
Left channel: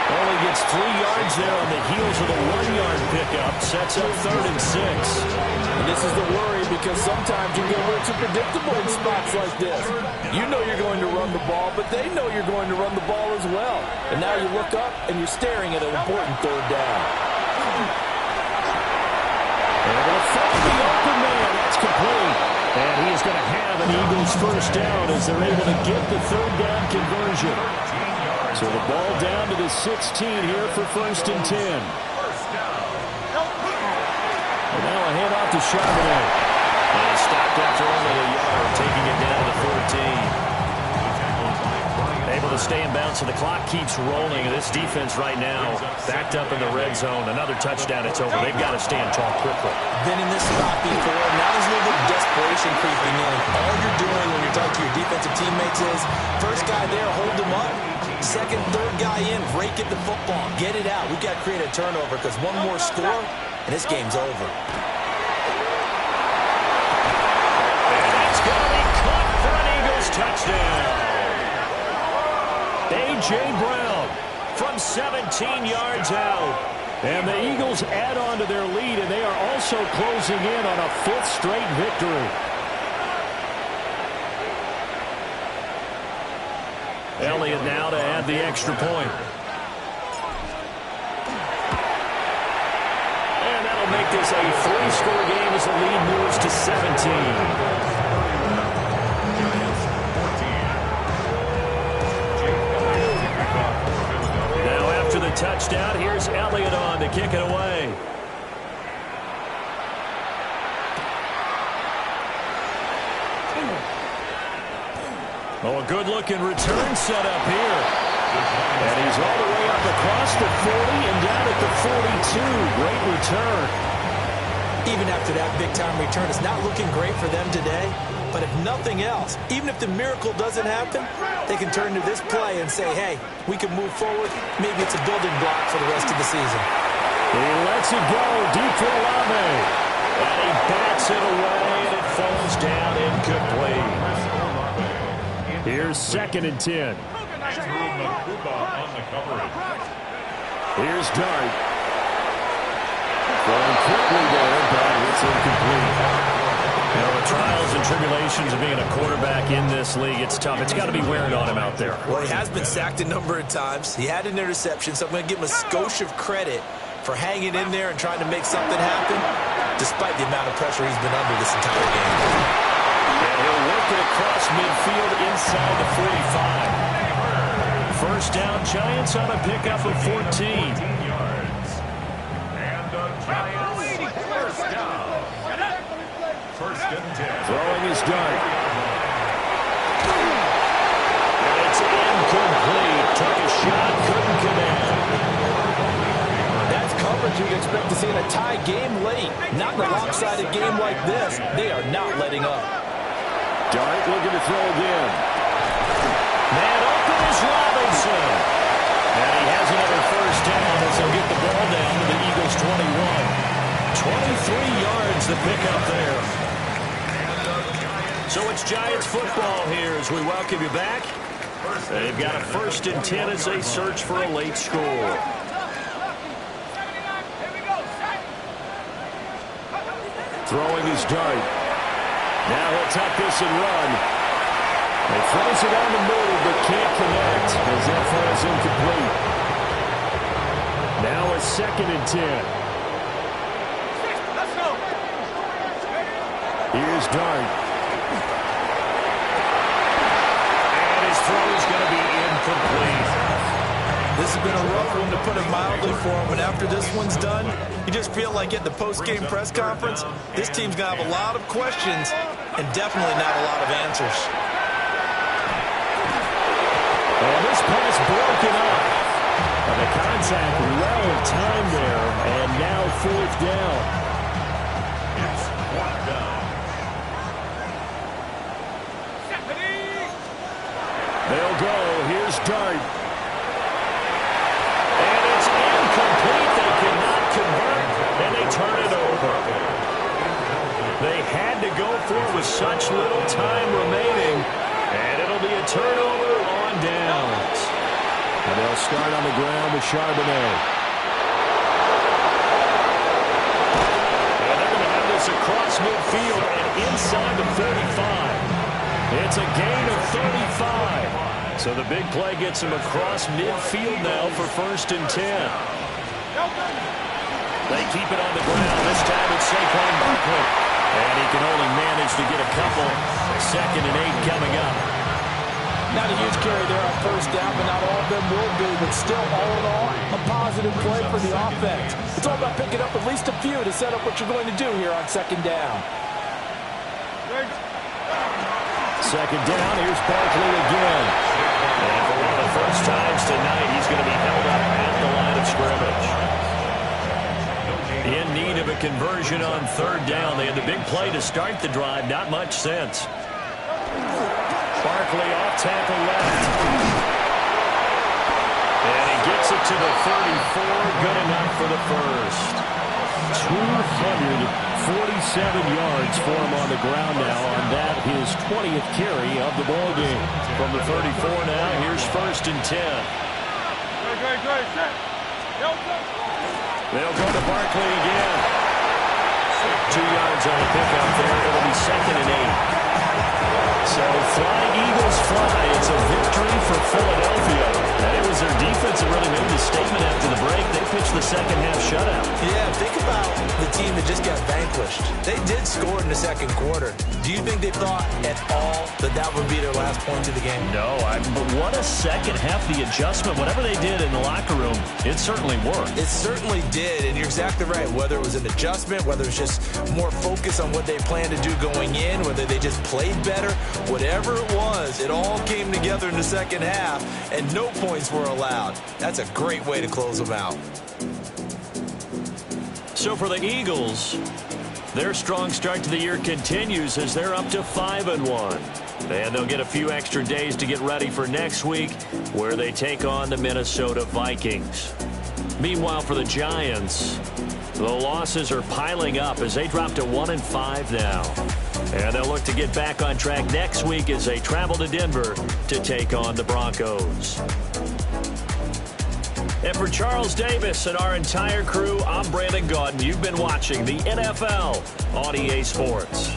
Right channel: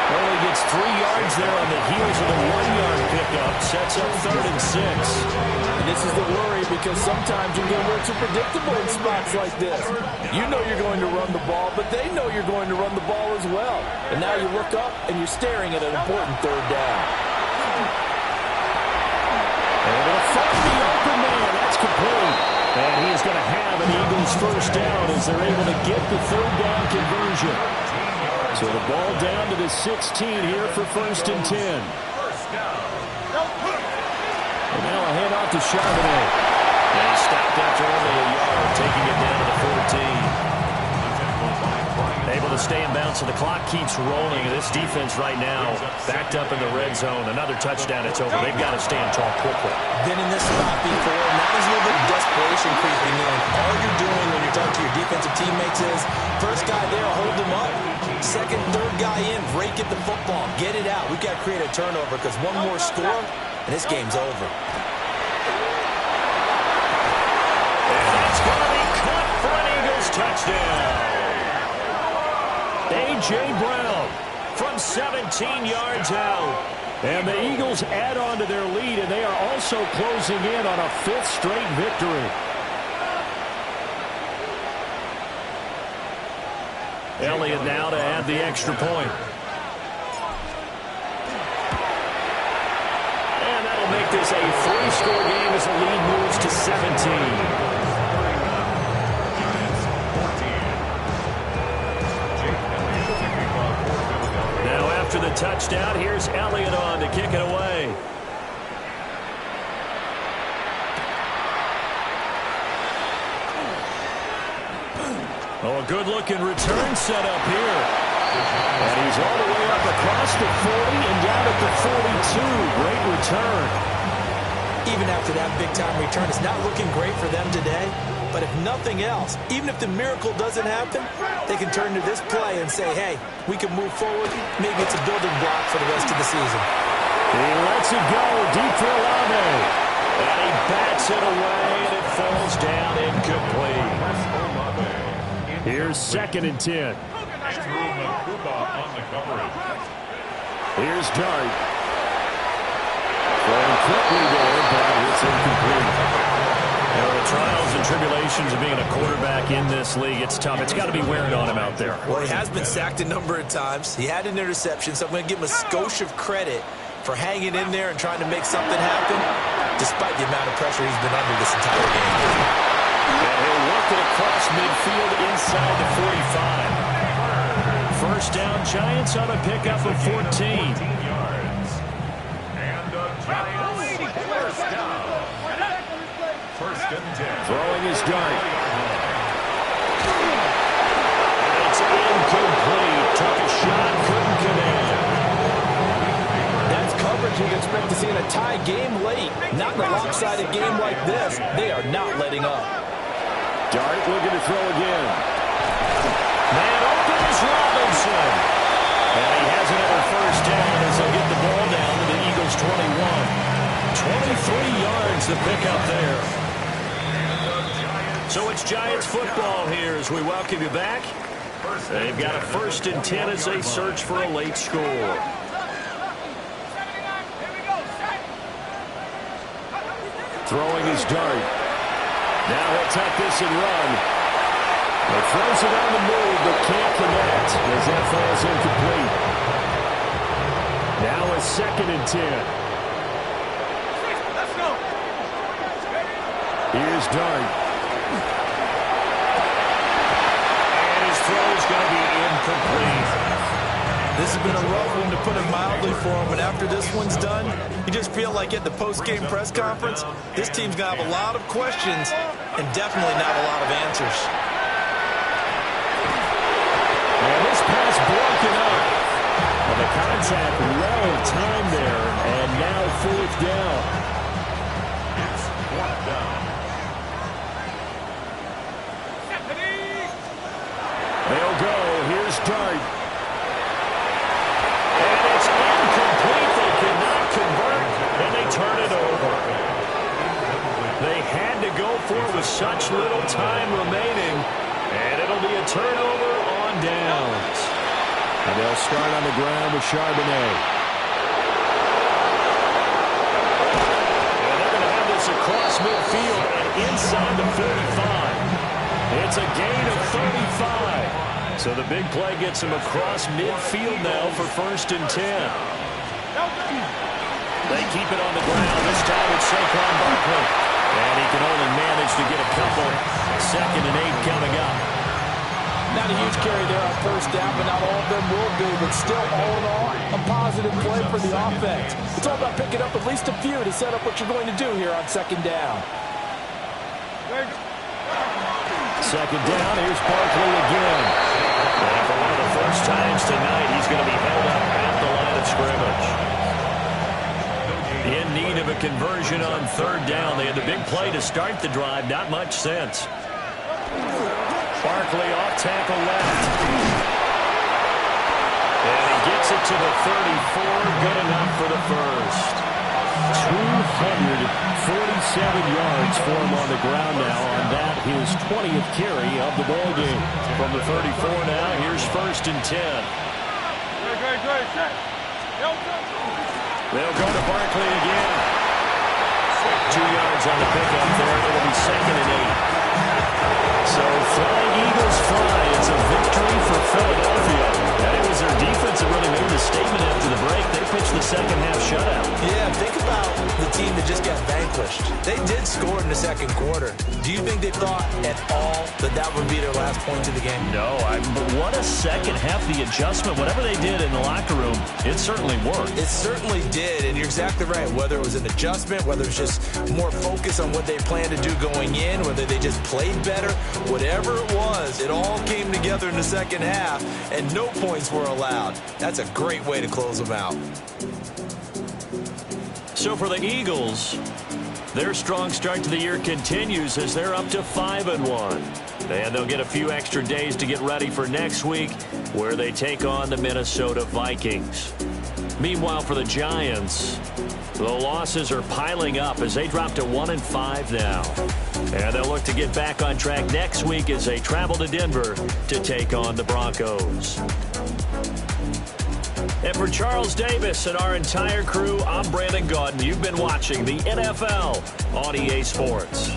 Only gets 3 yards there on the heels of the 1-yard pickup. Sets up 3rd and 6. And this is the worry, because sometimes you get a little too predictable in spots like this. You know you're going to run the ball, but they know you're going to run the ball as well. And now you look up and you're staring at an important 3rd down. Able to find the open man. That's complete. And he is going to have an Eagles first down as they're able to get the 3rd down conversion. So the ball down to the 16 here for 1st and 10. And now a handoff to Charbonnet. And he stopped after only a yard, taking it down to the 14. Able to stay in bounds, so the clock keeps rolling. This defense right now backed up in the red zone. Another touchdown, it's over. They've got to stand tall quickly. Been in this spot before. Now there's a little bit of desperation creeping in. All you're doing when you're talking to your defensive teammates is, first guy there, hold him up. 2nd, 3rd guy in, rake at the football. Get it out. We've got to create a turnover, because one more score, and this game's over. And that's going to be caught for an Eagles touchdown. A.J. Brown from 17 yards out. And the Eagles add on to their lead, and they are also closing in on a 5th straight victory. Elliott now to add the extra point. And that'll make this a 3-score game as the lead moves to 17. Now after the touchdown, here's Elliott on to kick it away. Oh, a good-looking return set up here. And he's all the way up across the 40 and down at the 42. Great return. Even after that big-time return, it's not looking great for them today. But if nothing else, even if the miracle doesn't happen, they can turn to this play and say, hey, we can move forward. Maybe it's a building block for the rest of the season. He lets it go deep for Olave. And he bats it away, and it falls down incomplete. Here's 2nd and 10. Here's Dart. Throwing quickly there, but it's incomplete. You know, the trials and tribulations of being a quarterback in this league, it's tough. It's got to be wearing on him out there. Well, he has been sacked a number of times. He had an interception, so I'm going to give him a skosh of credit for hanging in there and trying to make something happen, despite the amount of pressure he's been under this entire game. And he'll work it across midfield inside the 45. First down, Giants on a pickup of 14. 14 yards. And the Giants first down. First and 10. Throwing his dart. And it's incomplete. Took a shot, couldn't connect. That's coverage you'd expect to see in a tie game late. Not in a lopsided game like this. They are not letting up. Dart looking to throw again. Man open is Robinson. And he has another first down as they'll get the ball down to the Eagles' 21. 23 yards the pickup there. So it's Giants football here as we welcome you back. They've got a first and 10 as they search for a late score. Throwing his dart. Now he'll tuck this and run. He throws it on the move but can't connect as that falls incomplete. Now a second and 10. Let's go. Here's Dart. And his throw's going to be incomplete. This has been a rough one, to put it mildly, for him. But after this one's done, you just feel like at the post-game press conference, this team's going to have a lot of questions and definitely not a lot of answers. And this pass broken up. And the contact well timed there. And now fourth down. It's fourth down. They'll go. Here's Dart. And it's incomplete. They cannot convert, and they turn it over. They had to go for it with such little time remaining, and it'll be a turnover on downs. And they'll start on the ground with Charbonnet. And they're going to have this across midfield and inside the 45. It's a gain of 35. So the big play gets him across midfield now for first and 10. They keep it on the ground. This time it's Saquon Barkley. And he can only manage to get a couple. Second and 8 coming up. Not a huge carry there on first down, but not all of them will be. But still, all in all, a positive play for the offense. It's all about picking up at least a few to set up what you're going to do here on second down. Second down, here's Barkley again. And for one of the first times tonight, he's going to be held up at the line of scrimmage. In need of a conversion on third down. They had the big play to start the drive. Not much sense. Barkley off tackle left. And he gets it to the 34. Good enough for the first. 247 yards for him on the ground now on that, his 20th carry of the ball game. From the 34 now, here's first and 10. They'll go to Barkley again. 2 yards on the pickup there. It'll be second and 8. So flying Eagles fly. It's a victory for Philadelphia. And it was their defense that really made the statement after the break. They pitched the second half shutout. Yeah, think about the team that just got vanquished. They did score in the second quarter. Do you think they thought at all that that would be their last point of the game? No, but what a second half. The adjustment, whatever they did in the locker room, it certainly worked. It certainly did, and you're exactly right. Whether it was an adjustment, whether it's just more focus on what they planned to do going in, whether they just played better, whatever it was, it all came together in the second half, and no points were allowed. That's a great way to close them out. So for the Eagles, their strong start to the year continues as they're up to 5-1. And they'll get a few extra days to get ready for next week, where they take on the Minnesota Vikings. Meanwhile, for the Giants, the losses are piling up as they drop to 1-5 now. And they'll look to get back on track next week as they travel to Denver to take on the Broncos. And for Charles Davis and our entire crew, I'm Brandon Gaudin. You've been watching the NFL on EA Sports.